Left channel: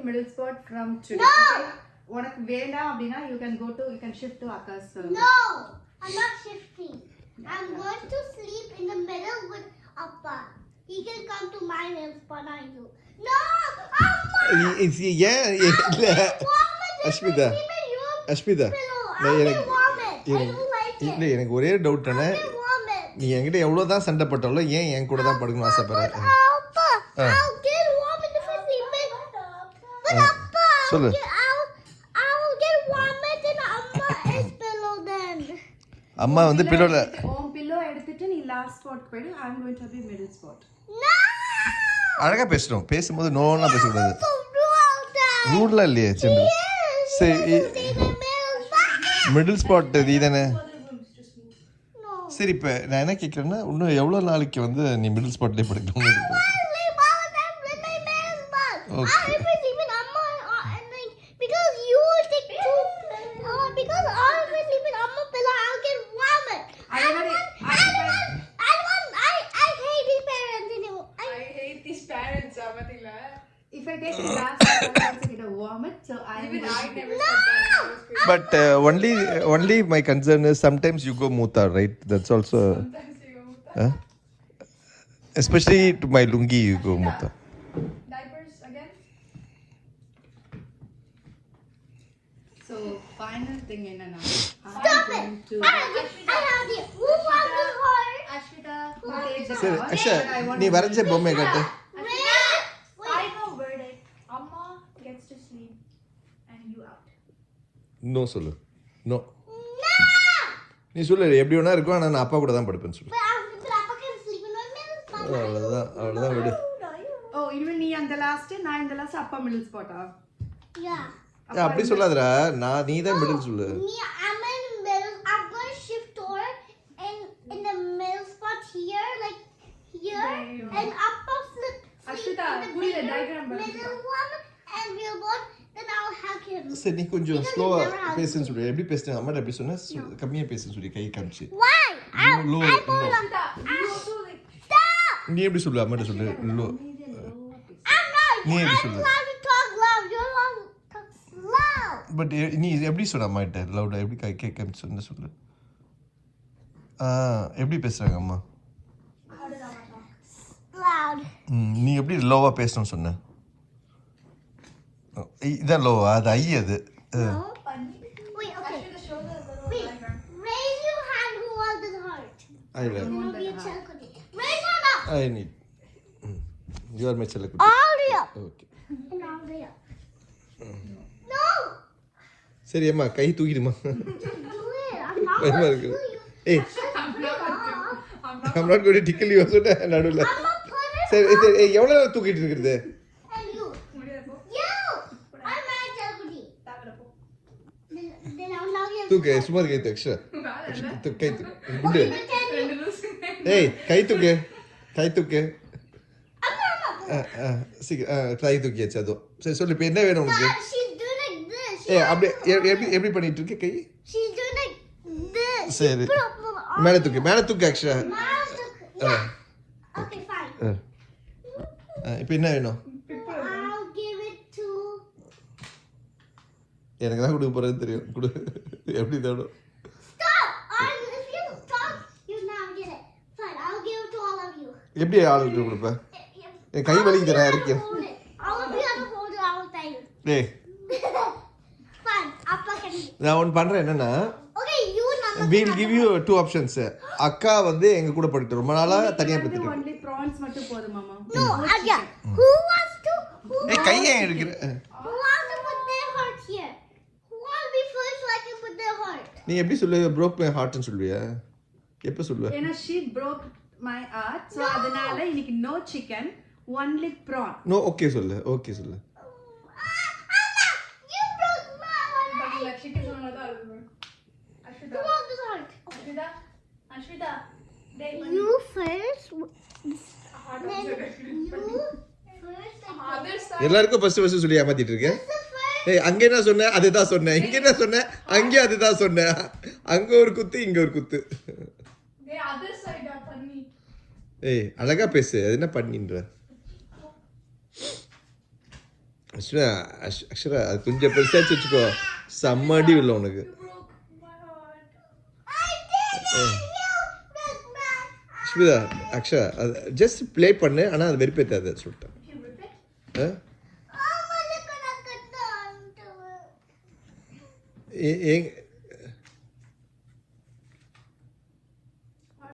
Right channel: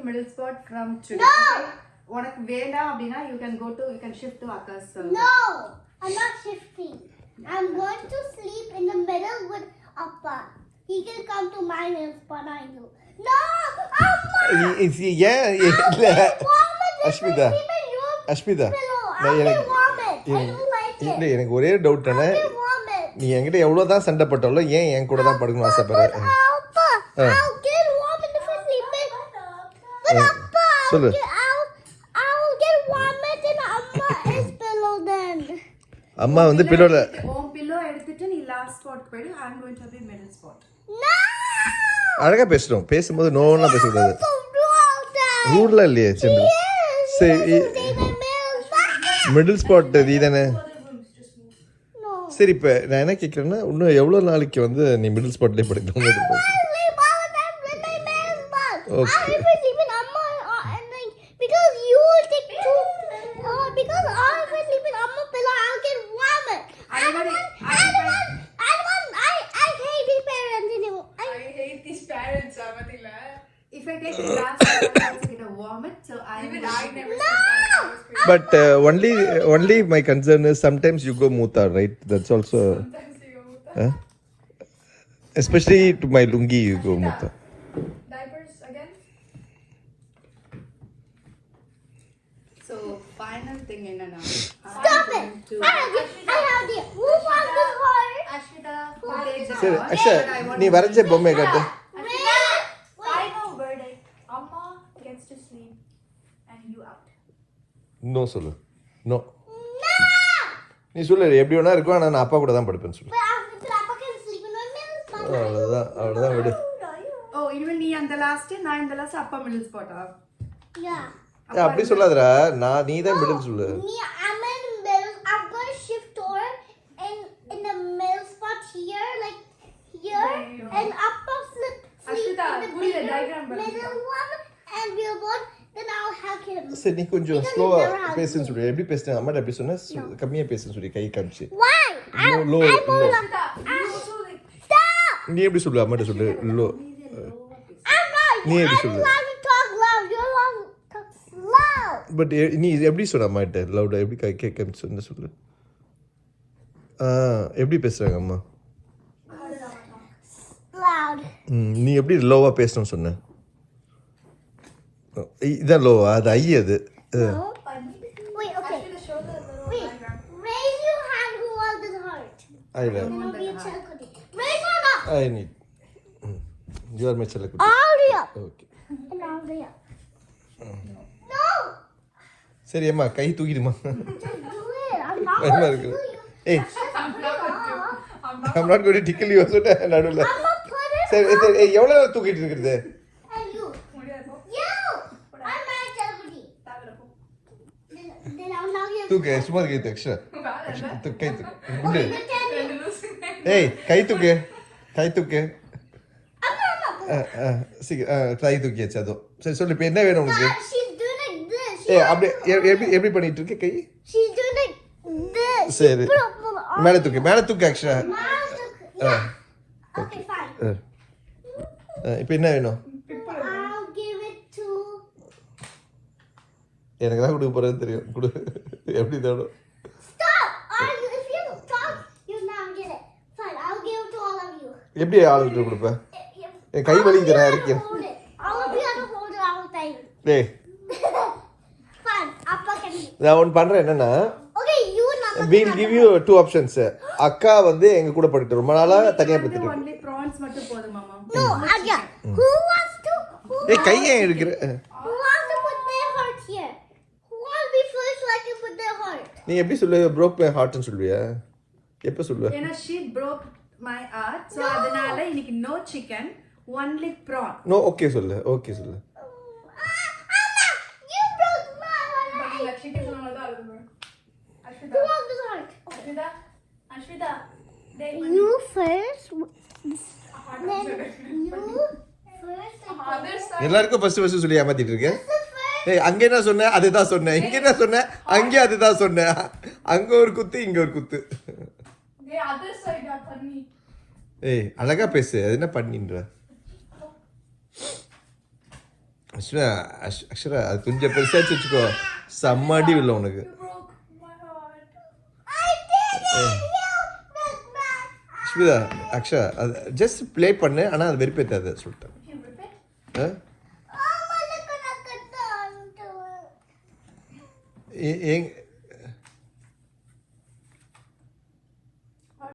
to middle spot from today. No. Okay? உனக்கு வேண்டாம் அப்படினா you can shift to Akash. No, I'm not shifting. I'm going to sleep in the middle with Appa. He can come to my middle spot. I do. No, Amma. Ashmita. Ashmita. I will vomit. I don't like it. இல்ல எனக்கு ஒரே டவுட் தானே. நீ என்கிட்ட எவ்வளவு தான் சண்டை போட்டாலும் ஏன் என் கூட தான் படுக்கணும் ஆசைப்படுற? I'll get vomit if I sleep in. But Appa, I'll get vomit in Amma's pillow then. அம்மா வந்து பில்லோல உன் பில்லோ எடுத்துட்டு நீ லாஸ்ட் ஸ்பாட் போய் I'm going to be middle spot. No. அழகா பேசுறோம். பேசும்போது நோனா பேச கூடாது. ரூல்ல இல்லையே சின்ன. சரி மிடில் ஸ்பாட் நீதானே? சரி இப்ப நான் என்ன கேக்குறேன்னா இன்னும் எவ்வளவு நாளைக்கு வந்து நீ மிடில் ஸ்பாட்லயே படுக்கணும்? Okay. Because you take two because I will sleep in Amma pillow, I'll get vomit. I hate these parents anymore. I hate these parents, Amadila. If I take the last one, I will get a vomit. So I never. No. But only my concern is sometimes you go muta, right? That's also especially to my lungi you go muta. Diapers again. So final thing in now. Stop it. I have the who wants this heart? Ashmita. சரி அக்ஷா நீ வரைஞ்ச பொம்மை காட்டு. I know verdict. Amma gets to sleep and you out. No சொல்லு. No. நீ சொல்லு எப்படி வேணா இருக்கும் ஆனா நான் அப்பா கூட தான் படுப்பேன்னு சொல்லு. Papa can sleep in my middle spot. அவ்வளவுதான் விடு. Oh, even நீ அந்த லாஸ்ட் நான் இந்த லாஸ்ட் அப்பா மிடில் ஸ்பாட்டா? Yeah. அப்படி சொல்லாதடா. நீ தான் மிடில் சொல்லு. Me, I'm in the middle. I'm going to shift over in the middle spot here, like here, and Appa sleep Ashita, in the pull the diagram back. middle one, and we'll both. Then I'll hug him. சரி நீ கொஞ்சம் Because ஸ்லோவா you never hug பேசுன்னு me. சொல்லு. எப்படி பேசுன அம்மாட்ட எப்படி சொன்ன? கம்மியா பேசுன்னு சொல்லி கை காமிச்சு. Why? Low. Stop! நீ எப்படி சொல்லு அம்மாட்ட சொல்லு. லோ. I'm not. நீ எப்படி I'm சொல்லு? allowed to talk loud. You're allowed to talk slow. But நீ எப்படி சொன்ன அம்மாட்ட லவுடா எப்படி கை கை காமிச்சு சொன்ன சொல்லு. எப்படி பேசுறாங்க அம்மா? Loud. நீ எப்படி லோவா பேசணும்னு சொன்ன? இதான் லோவா? அது ஐ அது. No. Wait, okay. Wait. Raise your hand who wants this heart. I will. Then I'll be a chalkudi. Raise your hand up. I need. You are my chalakudi. All the up. Okay. And all the up. No. சரி அம்மா கை தூக்கிடுமா. Just do it. I'm not பயமா going to இருக்கு. do it. ஏய் I'm not going to tickle you சொல்லிட்டு நடுவுல. I'm not putting சரி எவ்வளவு நேரம் தூக்கிட்டு இருக்குது? And you. You. I'm my chalkudi. Then I'll knock you. தூக்கு சும்மா கை தூக்கு எக்ஸ்ட்ரா. கை தூக்கு. குடு. ஏய் கை தூக்கு. கை தூக்கு. சீக்கிரம் கை தூக்கியாச்சு அதோ. சரி சொல்லு இப்போ என்ன வேணும் உனக்கு? She's doing like this. ஏய் அப்படியே எப்படி பண்ணிட்டு இருக்க கை? She's doing like this. சரி Put up the arm. மேல தூக்கு ஆக்சுவலா. Yeah. Okay, fine. இப்போ என்ன வேணும்? I'll give it to. எனக்கு தான் கொடுக்க போறேன்னு தெரியும். கொடு. எப்படி தரணும்? Stop! If you talk, you now get it. Fine, I'll give it to all of you. எப்படி ஆளுக்கு கொடுப்பேன்? என் கை All of you வலிக்குதுடா have to இருக்கேன். hold it. All of you have to hold it. I will tell you. டேய் Fine, Appa can eat. நான் ஒன்று பண்றேன் என்னன்னா Okay, you and Appa can we'll have give the you two options. அக்கா வந்து எங்க கூட படிட்டு ரொம்ப நாளா தனியா படிட்டு இருக்கு. only prawns மட்டும் போதும் மாமா. No, yeah. Who wants to? டேய் கையை எடுக்கிற. Who wants to put their heart here? Who wants to be first so I can put their heart? நீ எப்படி சொல்லுவ broke my heart ன்னு சொல்லுவியா? எப்ப சொல்லுவ? ஏன்னா she broke my heart. So அதனால இன்னைக்கு no chicken, only prawn. No okay சொல்லு. ஓகே சொல்லு. Anna, you broke my heart. Lakshmi சொன்னதா அது. Who wants this heart? Ashmita. You first. Then you first. எல்லாருக்கும் ஃபர்ஸ்ட் சொல்லி ஏமாத்திட்டு இருக்க. ஏய் அங்க என்ன சொன்ன? அதுதான் சொன்னேன். இங்க என்ன சொன்ன? அங்க அதுதான் சொன்னேன். அங்க ஒரு குத்து இங்க ஒரு குத்து. டேய் அதர் சைடா பண்ணி. ஏய் அழகா பேசு. அது என்ன பண்ணின்ற? அக்ஷரா அது கொஞ்சம் பெருசாச்சு வச்சுக்கோ செம்மடி இல்லை உனக்கு. I did it! Look back. Asmita அக்ஷரா அது ஜஸ்ட் ப்ளே பண்ணு, ஆனால் அது வெறுப்பேற்றாது சொல்லிட்டேன். ஆ? Oh, look at that. ஏ- ஏங்க